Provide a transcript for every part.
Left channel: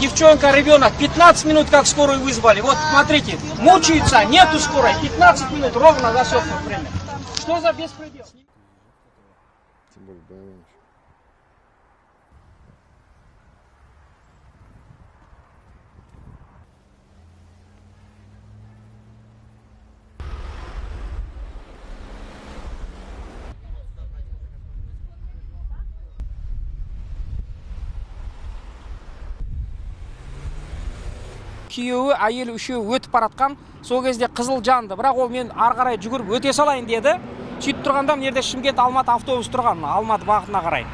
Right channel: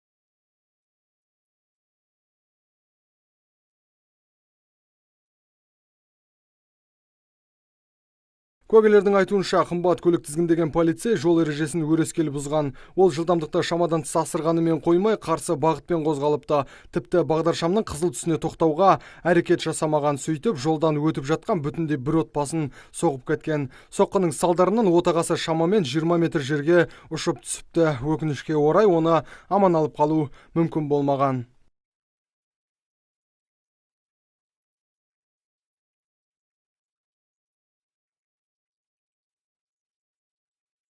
девчонка, ребенок, 15 минут как скорую вызвали. Вот смотрите, мучаются, нету скорой, 15 минут ровно засекнут время. Что за беспредел? Куәгерлердің айтуынша, қымбат көлік тізгіндеген полицей жол ережесін өрескел бұзған. Ол жылдамдықты шамадан тыс асырғанымен қоймай, қарсы бағытпен қозғалыпты. Тіпті бағдаршамның қызыл түсіне тоқтауға әрекет жасамаған, сөйтіп жолдан өтіп жатқан бүтінде бір отбасын соғып кеткен. Соққының салдарынан отағасы шамамен 20 метр жерге ұшып түсіпті. Өкінішке орай оны аман алып қалу мүмкін болмаған. Күйеуі, әйелі үшеуі өтіп баратқан. Сол кезде қызыл жанды, бірақ ол мен ары қарай жүгіріп өте салайын деді. Сөйтіп тұрғанда мына Шымкент Алматы автобус тұрған, Алматы бағытына қарай.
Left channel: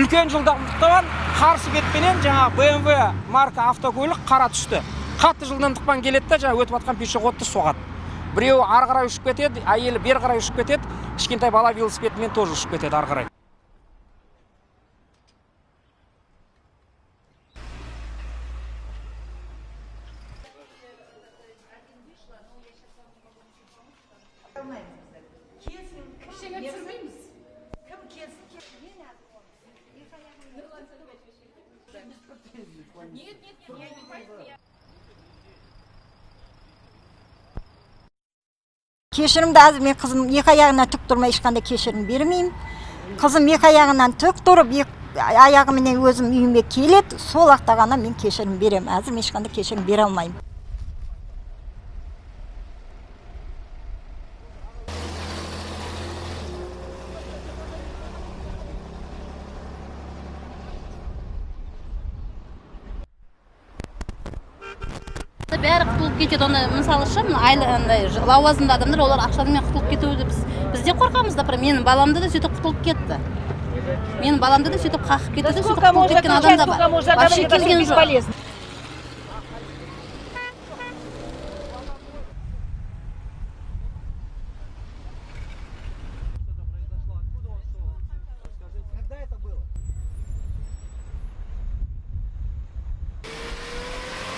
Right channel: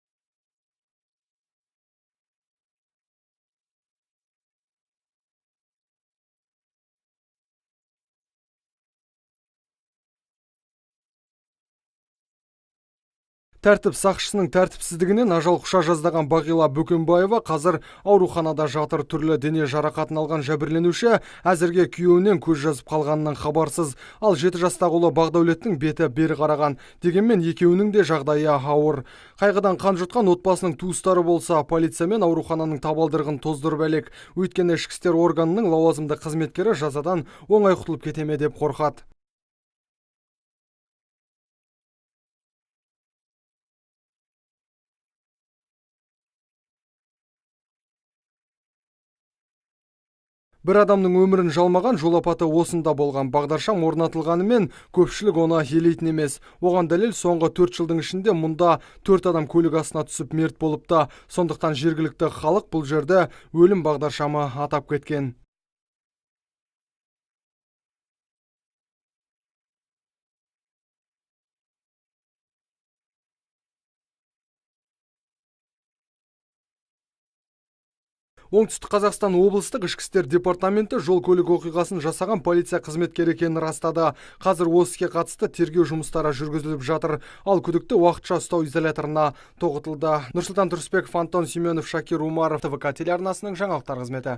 Үлкен жылдамдықтан қарсы бетпенен жаңа BMW марка автокөлік қара түсті. Қатты жылдамдықпен келеді де жаңа өтіп жатқан пешеходты соғады. Біреуі ары қарай ұшып кетеді, әйелі бері қарай ұшып кетеді, кішкентай бала велосипедімен тоже ұшып кетеді ары қарай. Тәртіп сақшысының тәртіпсіздігінен ажал құша жаздаған Бағила Бөкенбаева қазір ауруханада жатыр. Түрлі дене жарақатын алған жәбірленуші әзірге күйеуінен көз жазып қалғанынан хабарсыз. Ал 7 жастағы ұлы Бақдәулеттің беті бері қараған. Дегенмен екеуінің де жағдайы ауыр. Қайғыдан қан жұтқан отбасының туыстары болса, полиция мен аурухананың табалдырығын тоздырып әлек. Өйткені ішкі істер органының лауазымды қызметкері жазадан оңай құтылып кете ме деп қорқады. Кешірімді әзір мен қызым екі аяғына тік тұрмай ешқандай кешірім бермеймін. Қызым екі аяғынан тік тұрып, аяғыменен өзім үйіме келеді, сол уақытта ғана мен кешірім беремін. Әзір ешқандай кешірім бере алмаймын. Бір адамның өмірін жалмаған жол апаты осында болған. Бағдаршам орнатылғанымен көпшілік оны елейтін емес. Оған дәлел соңғы 4 жылдың ішінде мұнда 4 адам көлік астына түсіп мерт болыпты. Сондықтан жергілікті халық бұл жерде өлім бағдаршамы атап кеткен. Бәрі құтылып кетеді. Оны мысалы үшін лауазымды адамдар олар ақшамен құтылып кетуді біз де қорқамыз да. Менің баламды да сөйтіп құтылып кетті. Менің баламды да сөйтіп қақып кетті, сөйтіп құтылып кеткен адамдар бар. Вообще келген жоқ. Оңтүстік Қазақстан облыстық ішкі істер департаменті жол көлік оқиғасын жасаған полиция қызметкері екенін растады. Қазір осы іске қатысты тергеу жұмыстары жүргізіліп жатыр. Ал күдікті уақытша ұстау изоляторына тоғытылды. Нұрсұлтан Тұрысбеков, Антон Семенов, Шакир Умаров, ТВК телеарнасының жаңалықтар қызметі.